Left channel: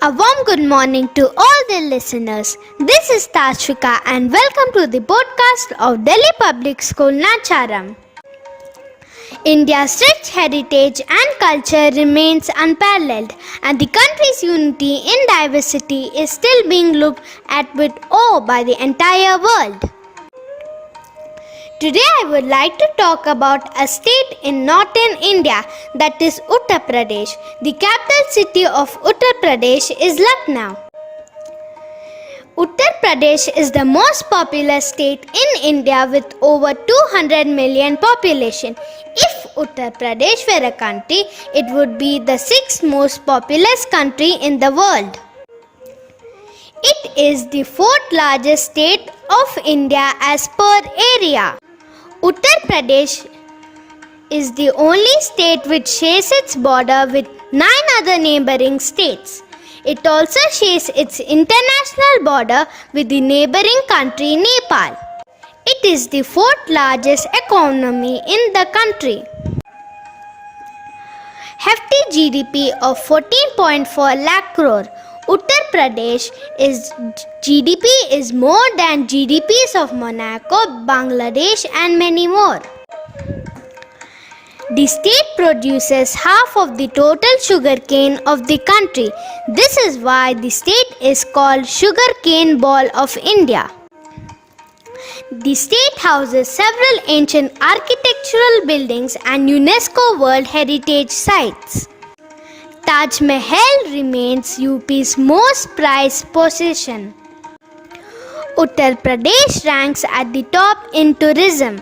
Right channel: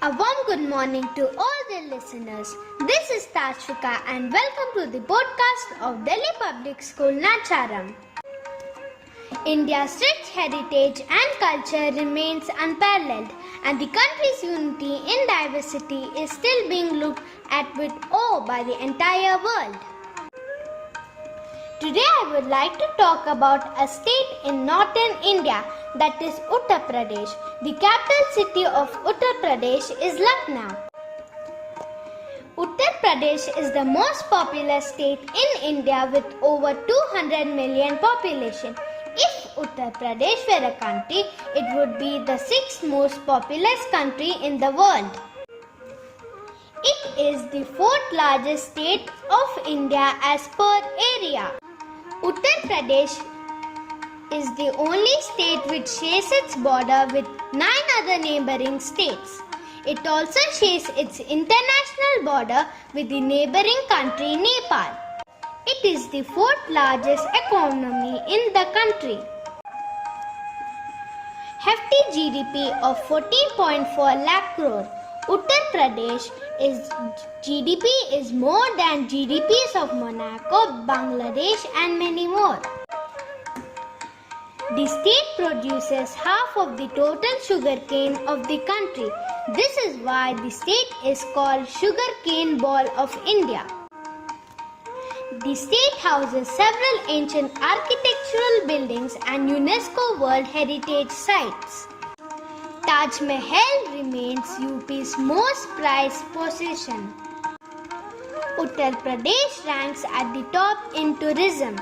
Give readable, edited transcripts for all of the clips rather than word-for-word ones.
A warm good morning to all the listeners. This is Tashvika and welcome to the podcast of Delhi Public School Nacharam. India's rich heritage and culture remains unparalleled, and the country's unity in diversity is still being looked at with awe by the entire world. Today I would like to talk about a state in northern India, that is Uttar Pradesh. The capital city of Uttar Pradesh is Lucknow. Uttar Pradesh is the most populous state in India with over 200 million population. If Uttar Pradesh were a country, it would be the sixth most populous country in the world. It is the fourth largest state of India as per area. Uttar Pradesh is the only state which shares its border with 9 other neighboring states. It also shares its international border with the neighboring country Nepal. It is the fourth largest economy in the country. Hefty GDP of 14.4 lakh crore. Uttar Pradesh GDP is more than GDPs of Monaco, Bangladesh and many more. The state produces half of the total sugarcane of the country. This is why the state is called Sugarcane Ball of India. The state houses several ancient architectural buildings and UNESCO World Heritage Sites. Taj Mahal remains UP's most prized possession. Uttar Pradesh ranks at the top in tourism.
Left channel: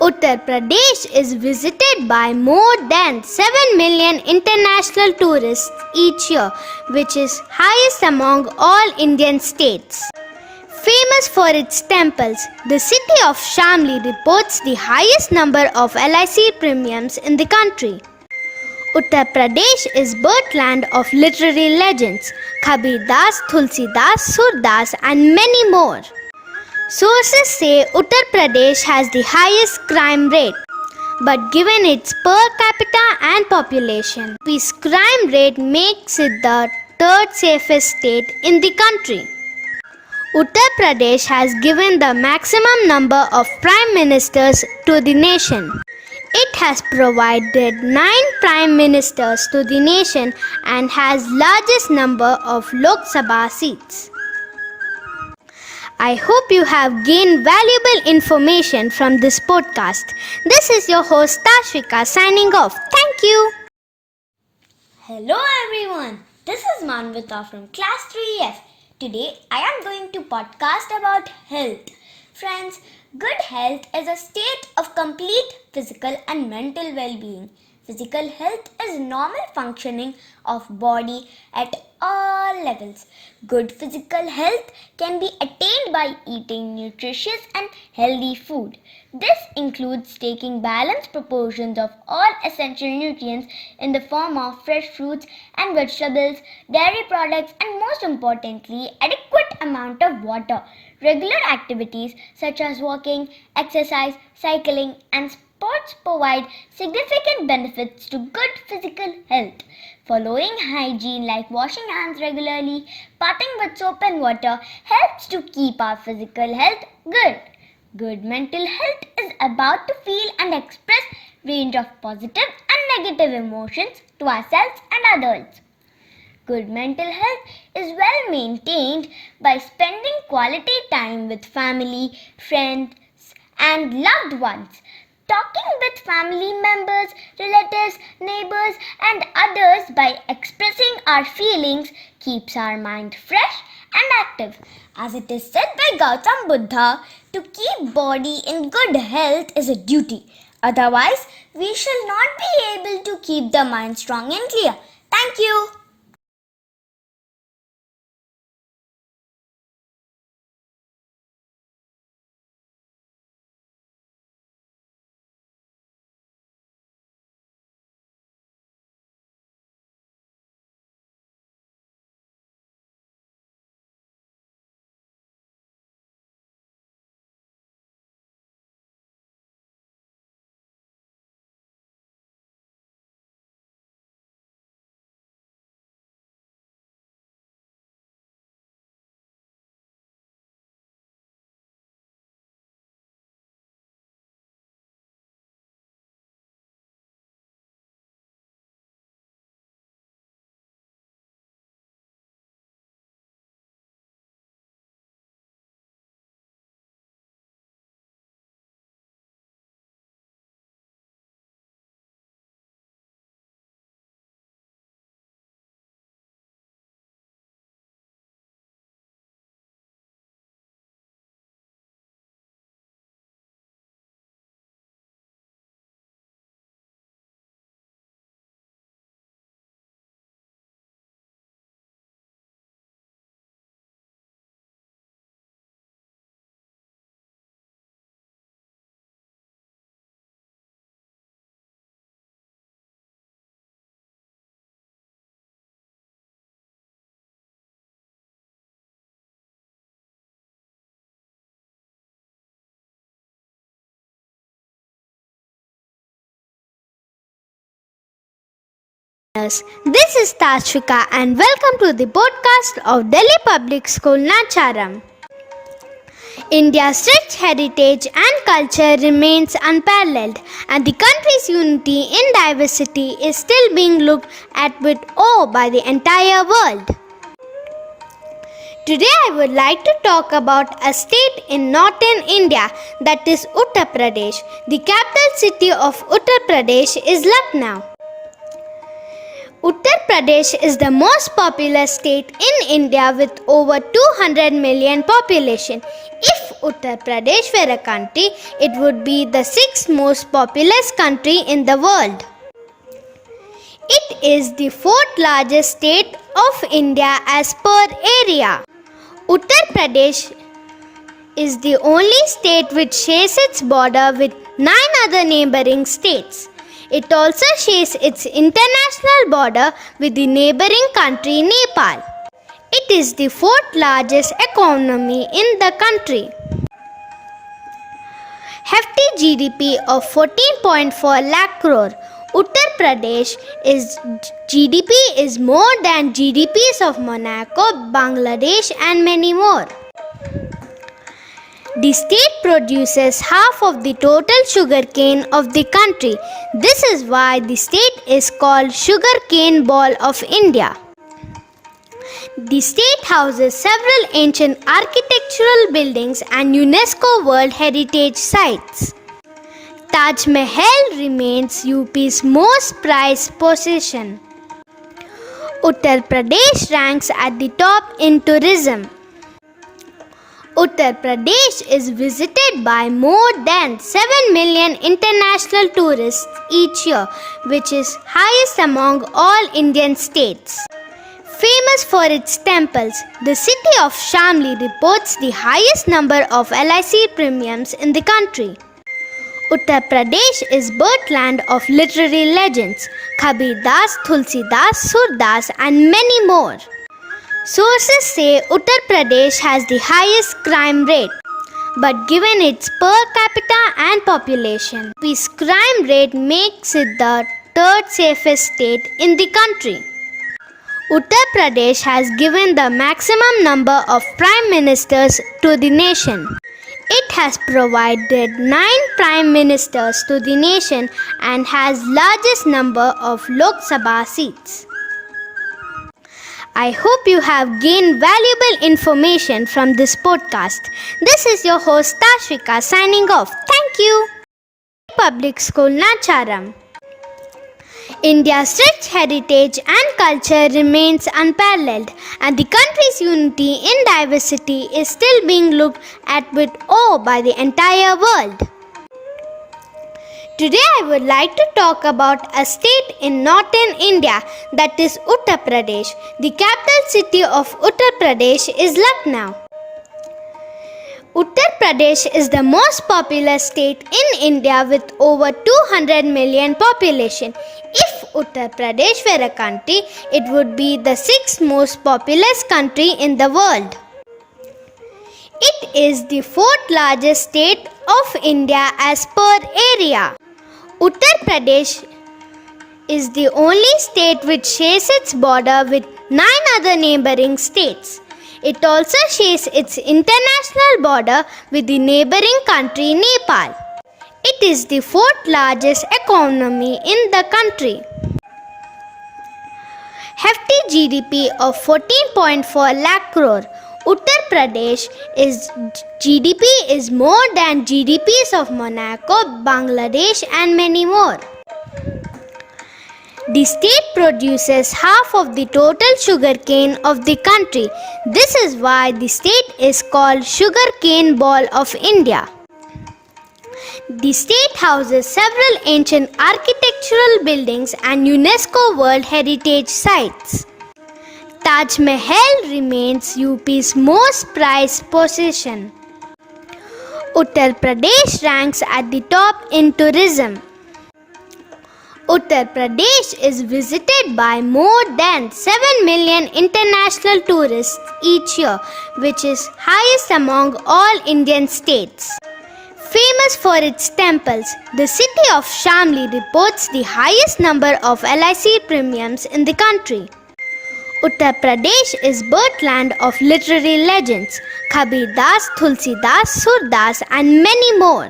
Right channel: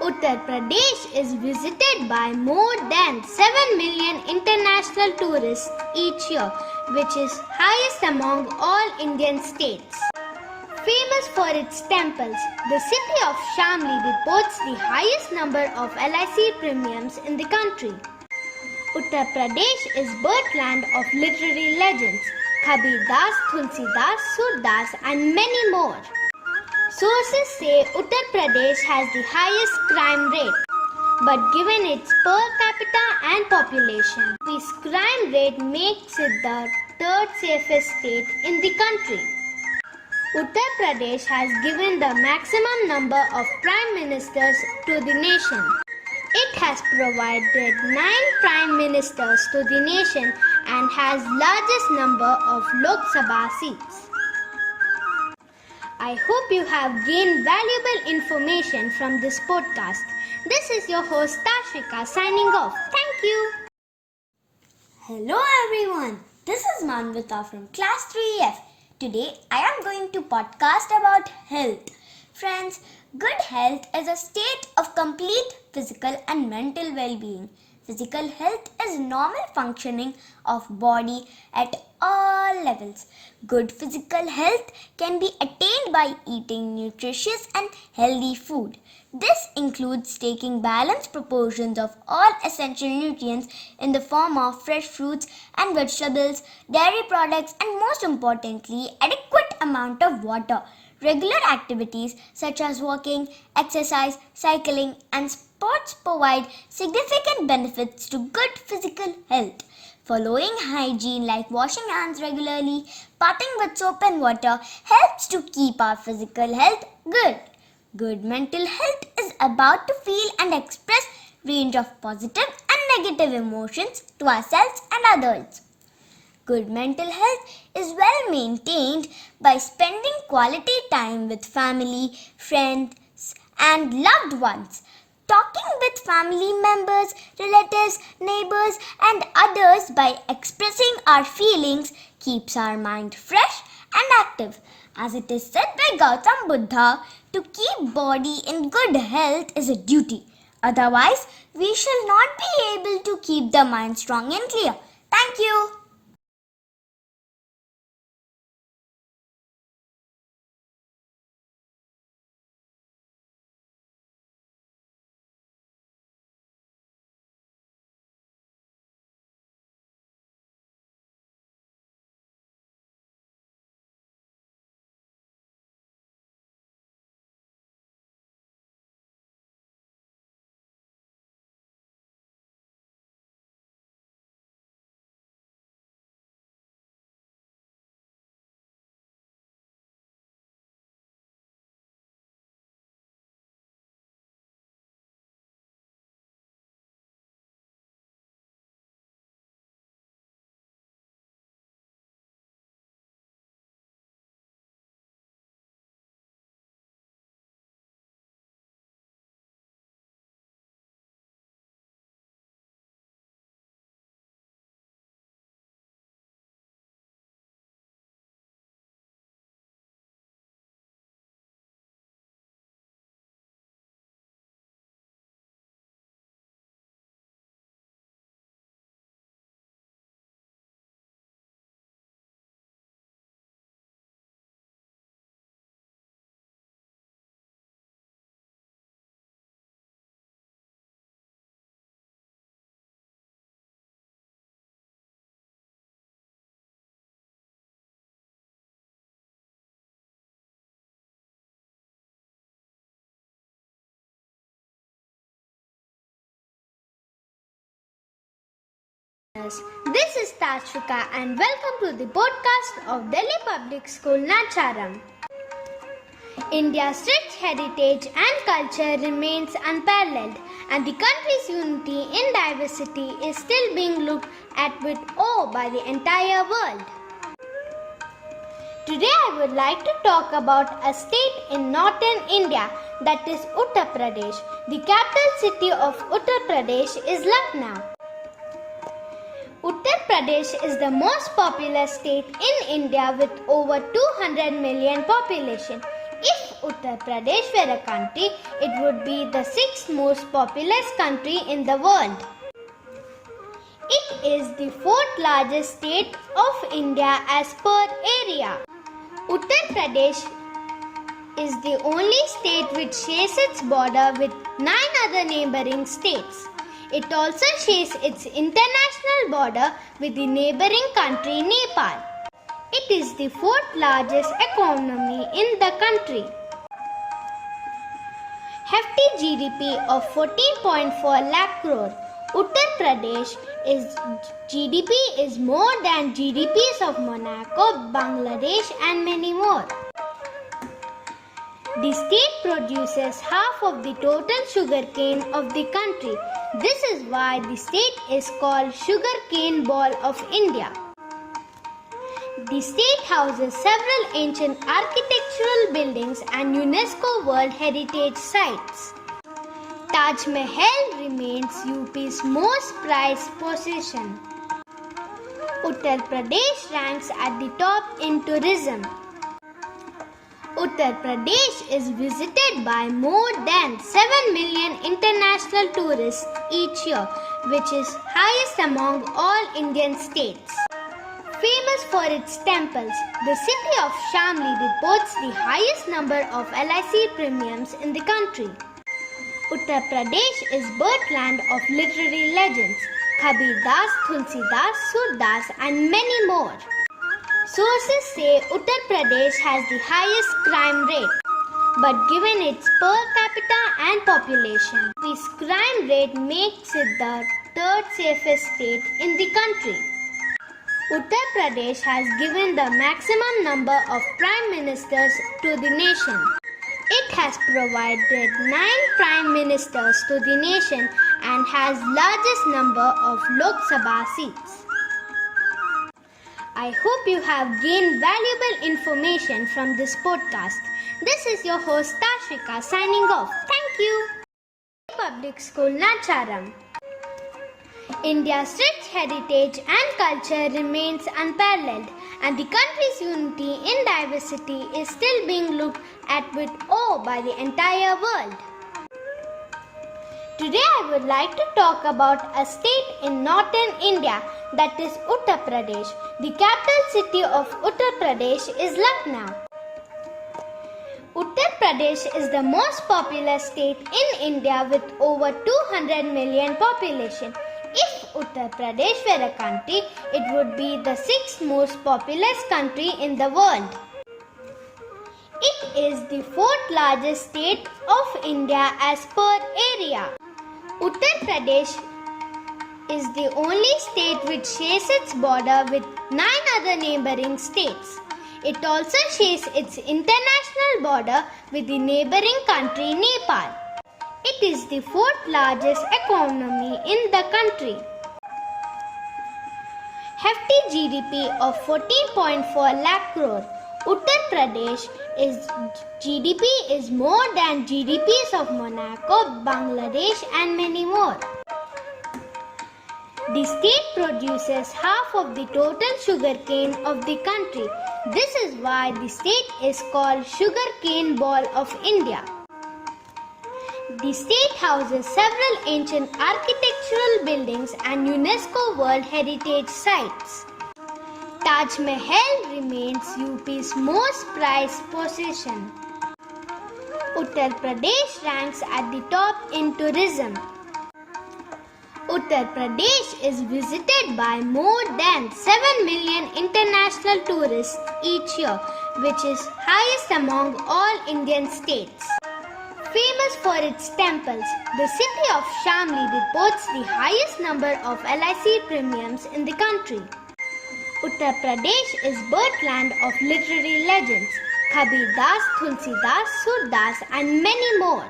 Uttar Pradesh is visited by more than 7 million international tourists each year, which is highest among all Indian states. Famous for its temples, the city of Shamli reports the highest number of LIC premiums in the country. Uttar Pradesh is birthland of literary legends, Kabir Das, Tulsi Das, Surdas and many more. Sources say Uttar Pradesh has the highest crime rate, but given its per capita and population, its crime rate makes it the third safest state in the country. Uttar Pradesh has given the maximum number of prime ministers to the nation. It has provided 9 prime ministers to the nation and has largest number of Lok Sabha seats. I hope you have gained valuable information from this podcast. This is your host Tashvika signing off. Thank you. Hello everyone, this is Manvita from class 3F. Today I am going to podcast about health. Friends, good health is a state of complete physical and mental well-being. Physical health is normal functioning of body at all levels. Good physical health can be attained by eating nutritious and healthy food. This includes taking balanced proportions of all essential nutrients in the form of fresh fruits and vegetables, dairy products, and most importantly, adequate amount of water. Regular activities such as walking, exercise, cycling, and sports provide significant benefits to good physical health. Following hygiene like washing hands regularly, bathing with soap and water helps to keep our physical health good. Good mental health is about to feel and express range of positive and negative emotions to ourselves and others. Good mental health is well maintained by spending quality time with family, friends, and loved ones. Talking with family members, relatives, neighbors, and others by expressing our feelings keeps our mind fresh and active. As it is said by Gautam Buddha, to keep body in good health is a duty. Otherwise, we shall not be able to keep the mind strong and clear. Thank you. This is Tashvika and welcome to the podcast of Delhi Public School Nacharam. India's rich heritage and culture remains unparalleled, and the country's unity in diversity is still being looked at with awe by the entire world. Today I would like to talk about a state in northern India, that is Uttar Pradesh. The capital city of Uttar Pradesh is Lucknow. Uttar Pradesh is the most populous state in India with over 200 million population. If Uttar Pradesh were a country, it would be the sixth most populous country in the world. It is the fourth largest state of India as per area. Uttar Pradesh is the only state which shares its border with 9 other neighboring states. It also shares its international border with the neighboring country Nepal. It is the fourth largest economy in the country. Hefty GDP of 14.4 lakh crore. Uttar Pradesh GDP is more than GDPs of Monaco, Bangladesh and many more. The state produces half of the total sugarcane of the country. This is why the state is called Sugarcane Ball of India. The state houses several ancient architectural buildings and UNESCO World Heritage Sites. Taj Mahal remains UP's most prized possession. Uttar Pradesh ranks at the top in tourism. Uttar Pradesh is visited by more than 7 million international tourists each year, which is highest among all Indian states. Famous for its temples, the city of Shamli reports the highest number of LIC premiums in the country. Uttar Pradesh is birthland of literary legends, Kabir Das, Tulsi Das, Surdas and many more. Sources say Uttar Pradesh has the highest crime rate, but given its per capita and population, its crime rate makes it the third safest state in the country. Uttar Pradesh has given the maximum number of prime ministers to the nation. It has provided 9 prime ministers to the nation and has largest number of Lok Sabha seats. I hope you have gained valuable information from this podcast. This is your host Tashvika signing off. Thank you. Public School Nacharam. India's rich heritage and culture remains unparalleled, and the country's unity in diversity is still being looked at with awe by the entire world. Today I would like to talk about a state in northern India, that is Uttar Pradesh. The capital city of Uttar Pradesh is Lucknow. Uttar Pradesh is the most populous state in India with over 200 million population. If Uttar Pradesh were a country, it would be the sixth most populous country in the world. It is the fourth largest state of India as per area. Uttar Pradesh is the only state which shares its border with 9 other neighboring states. It also shares its international border with the neighboring country Nepal. It is the fourth largest economy in the country. Hefty GDP of 14.4 lakh crore. Uttar Pradesh GDP is more than GDPs of Monaco, Bangladesh and many more. The state produces half of the total sugarcane of the country. This is why the state is called Sugarcane Ball of India. The state houses several ancient architectural buildings and UNESCO World Heritage Sites. Taj Mahal remains UP's most prized possession. Uttar Pradesh ranks at the top in tourism. Uttar Pradesh is visited by more than 7 million international tourists each year, which is highest among all Indian states. Famous for its temples, the city of Shamli reports the highest number of LIC premiums in the country. Uttar Pradesh is birthland of literary legends, Kabir Das, Tulsi Das, Surdas and many more.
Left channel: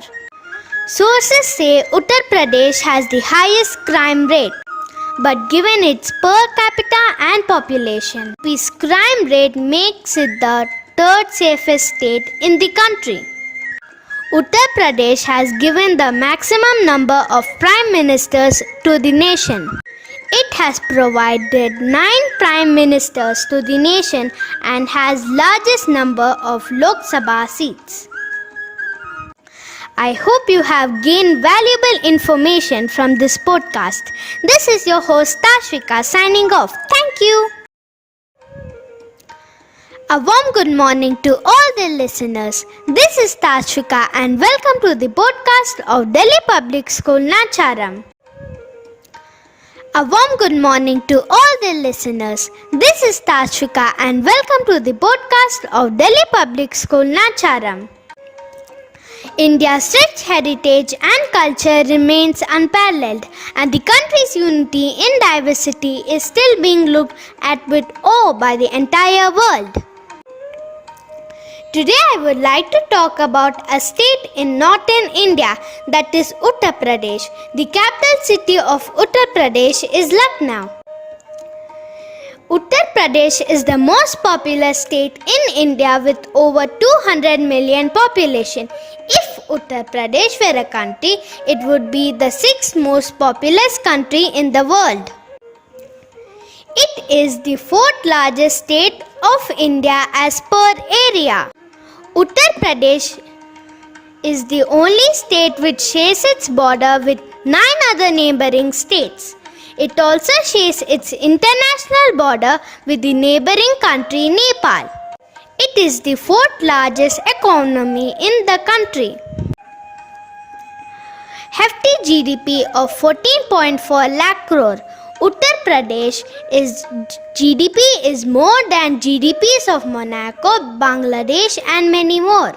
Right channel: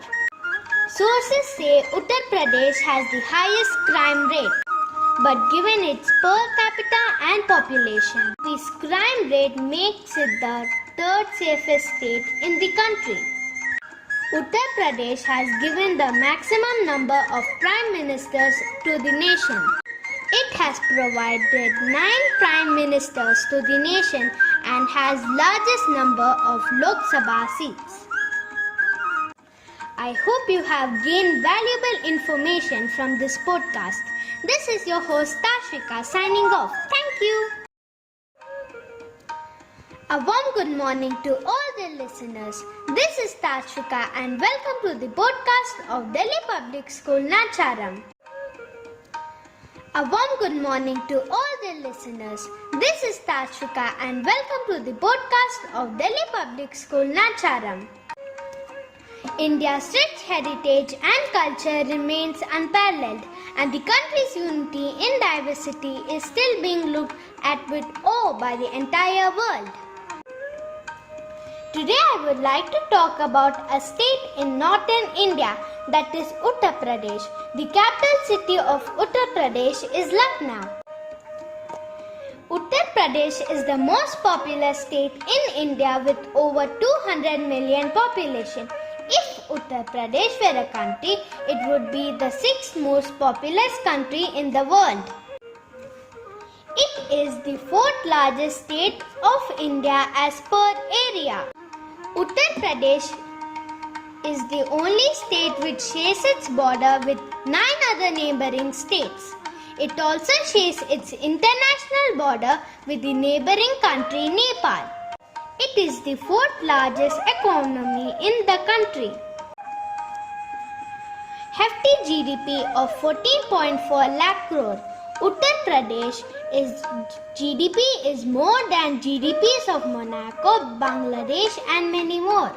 Sources say Uttar Pradesh has the highest crime rate, but given its per capita and population, its crime rate makes it the third safest state in the country. Uttar Pradesh has given the maximum number of prime ministers to the nation. It has provided 9 prime ministers to the nation and has largest number of Lok Sabha seats. I hope you have gained valuable information from this podcast. This is your host Tashvika signing off. Thank you. A warm good morning to all the listeners. This is Tashvika and welcome to the podcast of Delhi Public School Nacharam. A warm good morning to all the listeners. This is Tashvika and welcome to the podcast of Delhi Public School Nacharam. India's rich heritage and culture remains unparalleled, and the country's unity in diversity is still being looked at with awe by the entire world. Today I would like to talk about a state in northern India, that is Uttar Pradesh. The capital city of Uttar Pradesh is Lucknow. Uttar Pradesh is the most populous state in India with over 200 million population. If Uttar Pradesh were a country, it would be the 6th most populous country in the world. It is the 4th largest state of India as per area. Uttar Pradesh is the only state which shares its border with 9 other neighboring states. It also shares its international border with the neighboring country Nepal. It is the 4th largest economy in the country. Hefty GDP of 14.4 lakh crore. Uttar Pradesh GDP is more than GDPs of Monaco, Bangladesh and many more.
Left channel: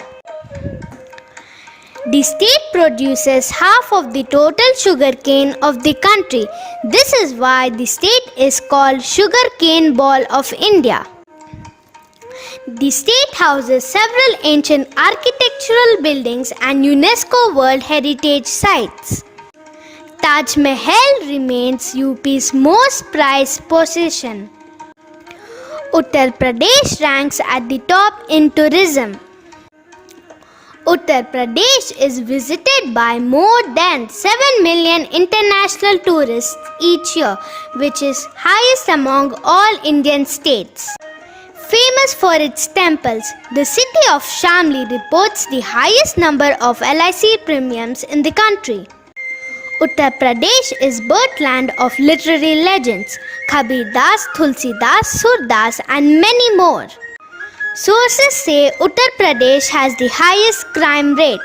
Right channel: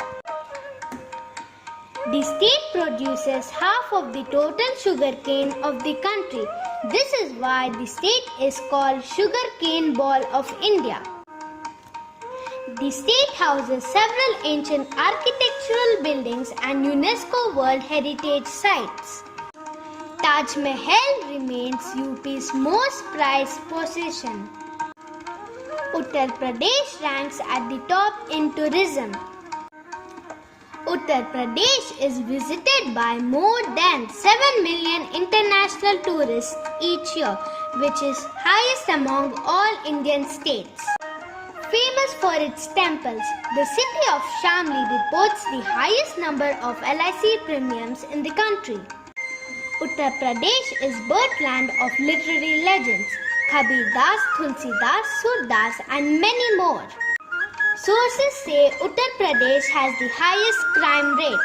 The state produces half of the total sugarcane of the country. This is why the state is called Sugarcane Ball of India. The state houses several ancient architectural buildings and UNESCO World Heritage Sites. Taj Mahal remains UP's most prized possession. Uttar Pradesh ranks at the top in tourism. Uttar Pradesh is visited by more than 7 million international tourists each year, which is highest among all Indian states. Famous for its temples, the city of Shamli reports the highest number of LIC premiums in the country. Uttar Pradesh is birthland of literary legends, Kabir Das, Tulsi Das, Surdas and many more. Sources say Uttar Pradesh has the highest crime rate,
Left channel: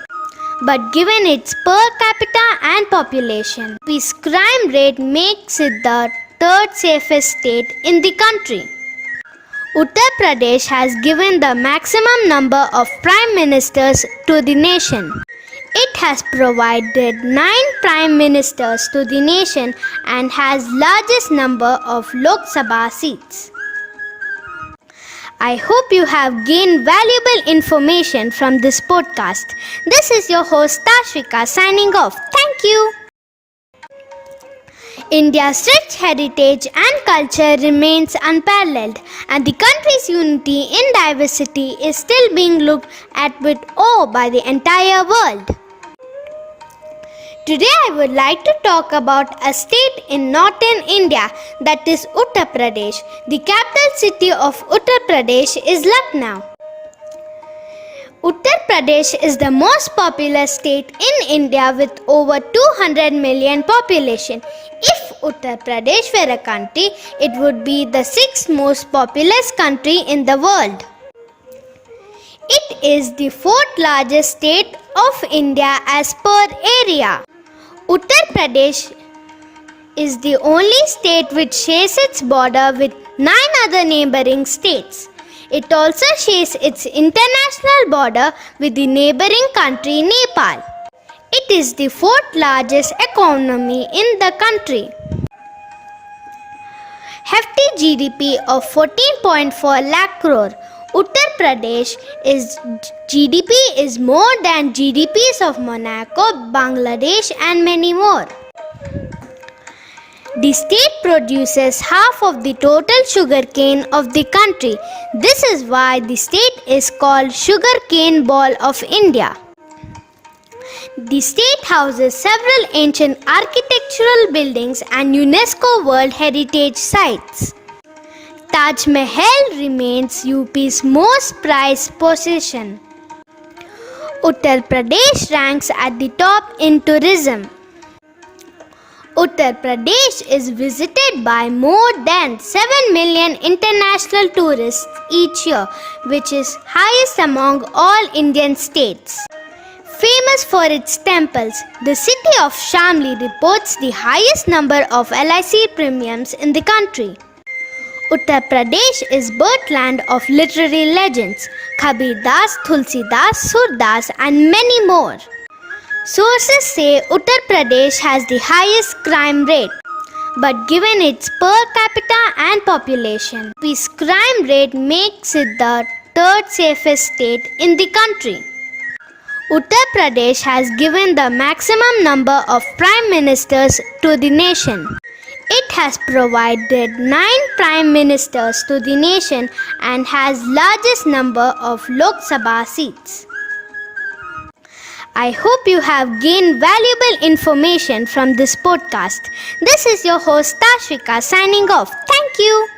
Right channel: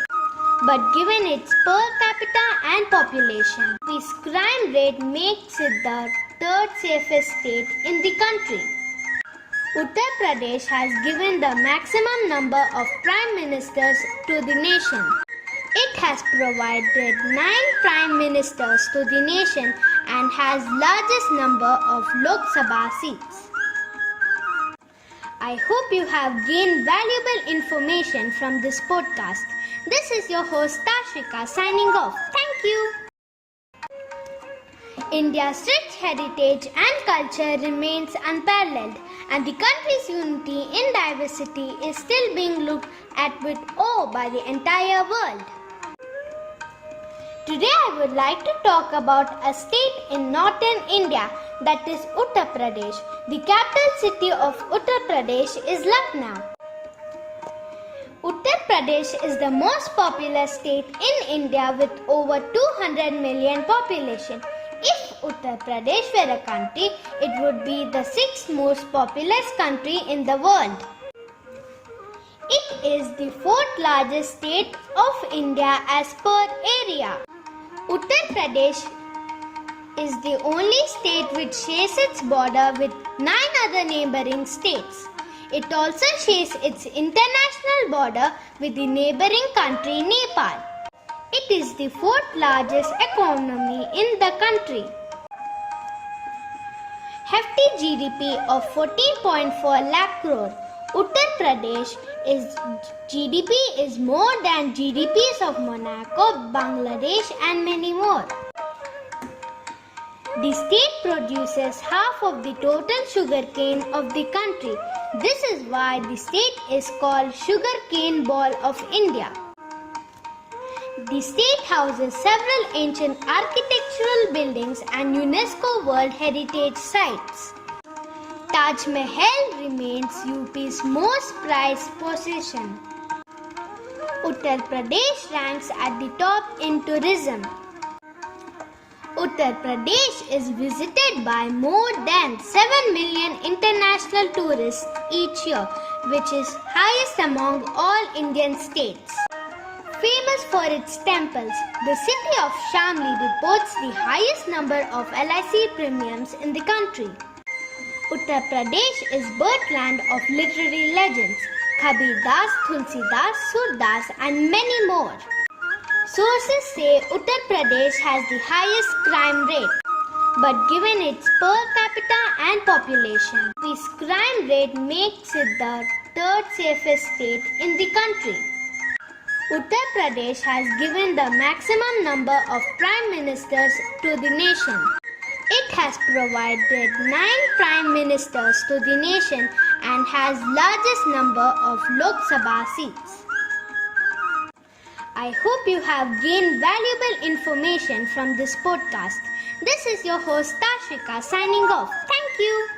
but given its per capita and population, its crime rate makes it the third safest state in the country. Uttar Pradesh has given the maximum number of prime ministers to the nation. It has provided 9 prime ministers to the nation and has largest number of Lok Sabha seats. I hope you have gained valuable information from this podcast. This is your host Tashvika signing off. Thank you. India's rich heritage and culture remains unparalleled, and the country's unity in diversity is still being looked at with awe by the entire world. Today I would like to talk about a state in northern India, that is Uttar Pradesh. The capital city of Uttar Pradesh is Lucknow. Uttar Pradesh is the most populous state in India with over 200 million population. If Uttar Pradesh were a country, it would be the 6th most populous country in the world. It is the 4th largest state of India as per area. Uttar Pradesh is the only state which shares its border with 9 other neighboring states. It also shares its international border with the neighboring country Nepal. It is the fourth largest economy in the country. Hefty GDP of 14.4 lakh crore. Uttar Pradesh GDP is more than GDPs of Monaco, Bangladesh and many more. The state produces half of the total sugarcane of the country. This is why the state is called Sugarcane Ball of India. The state houses several ancient architectural buildings and UNESCO World Heritage Sites. Taj Mahal remains UP's most prized possession. Uttar Pradesh ranks at the top in tourism. Uttar Pradesh is visited by more than 7 million international tourists each year, which is highest among all Indian states. Famous for its temples, the city of Shamli reports the highest number of LIC premiums in the country. Uttar Pradesh is birthland of literary legends, Kabir Das, Tulsidas, Surdas and many more. Sources say Uttar Pradesh has the highest crime rate, but given its per capita and population, its crime rate makes it the third safest state in the country. Uttar Pradesh has given the maximum number of prime ministers to the nation. It has provided 9 prime ministers to the nation and has largest number of Lok Sabha seats. I hope you have gained valuable information from this podcast. This is your host Tashvika signing off. Thank you.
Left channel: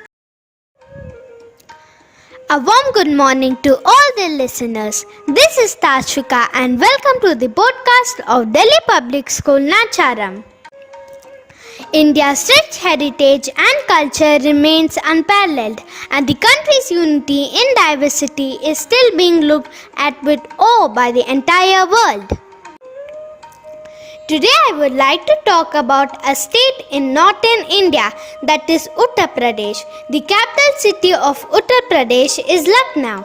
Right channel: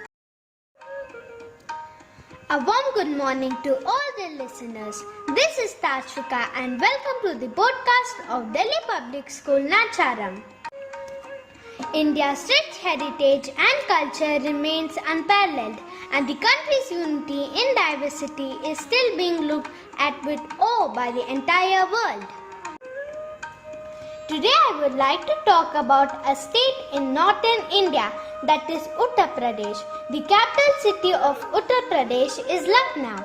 A warm good morning to all the listeners. This is Tashvika and welcome to the podcast of Delhi Public School Nacharam. India's rich heritage and culture remains unparalleled, and the country's unity in diversity is still being looked at with awe by the entire world. Today I would like to talk about a state in northern India, that is Uttar Pradesh. The capital city of Uttar Pradesh is Lucknow.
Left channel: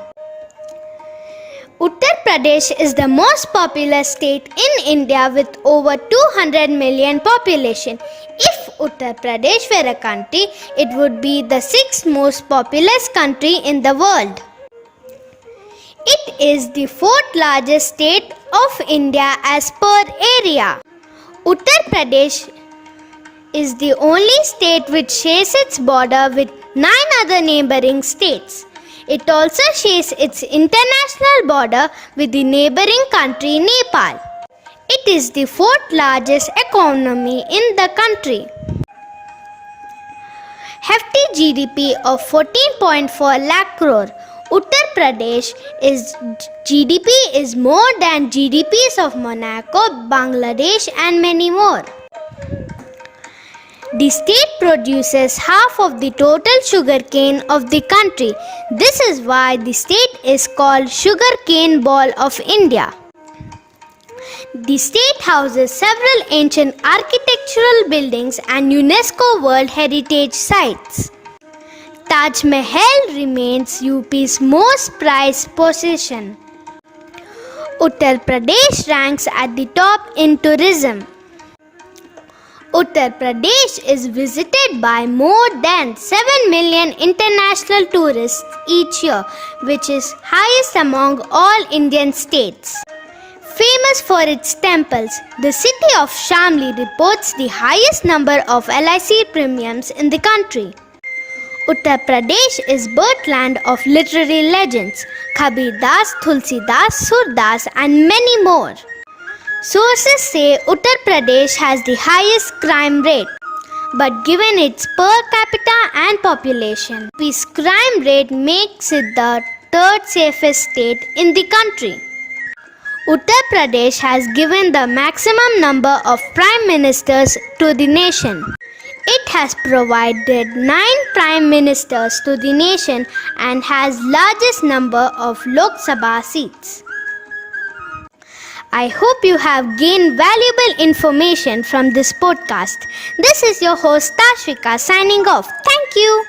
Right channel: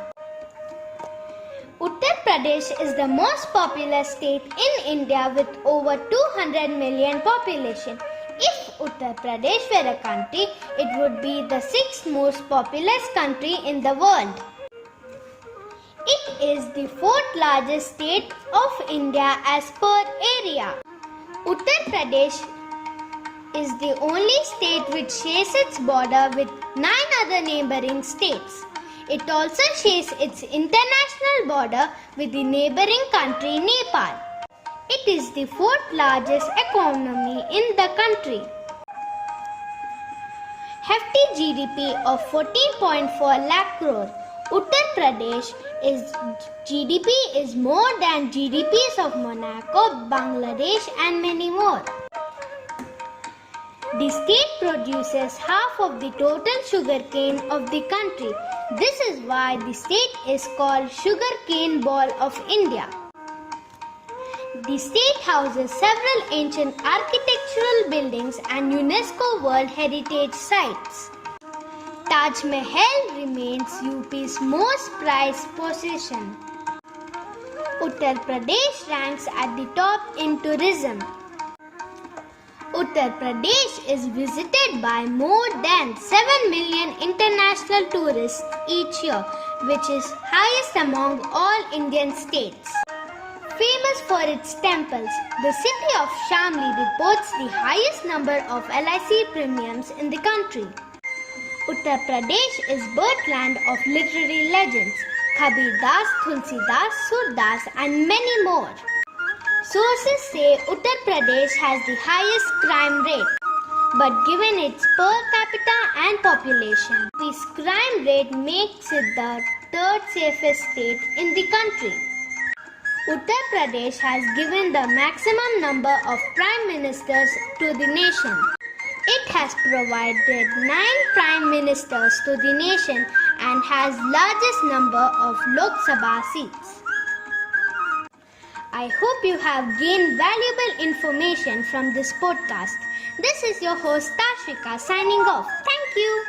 Uttar Pradesh is the most populous state in India with over 200 million population. If Uttar Pradesh were a country, it would be the 6th most populous country in the world. It is the 4th largest state of India as per area. Uttar Pradesh is the only state which shares its border with 9 other neighboring states. It also shares its international border with the neighboring country Nepal. It is the 4th largest economy in the country. Hefty GDP of 14.4 lakh crore. Uttar Pradesh GDP is more than GDPs of Monaco, Bangladesh and many more. The state produces half of the total sugarcane of the country. This is why the state is called Sugarcane Ball of India. The state houses several ancient architectural buildings and UNESCO World Heritage Sites. Taj Mahal remains UP's most prized possession. Uttar Pradesh ranks at the top in tourism. Uttar Pradesh is visited by more than 7 million international tourists each year, which is highest among all Indian states. Famous for its temples, the city of Shamli reports the highest number of LIC premiums in the country. Uttar Pradesh is birthland of literary legends, Kabir Das, Tulsidas, Surdas and many more. Sources say Uttar Pradesh has the highest crime rate, but given its per capita and population, its crime rate makes it the 3rd safest state in the country. Uttar Pradesh has given the maximum number of prime ministers to the nation. It has provided 9 prime ministers to the nation and has largest number of Lok Sabha seats. I hope you have gained valuable information from this podcast. This is your host Tashvika signing off. Thank you.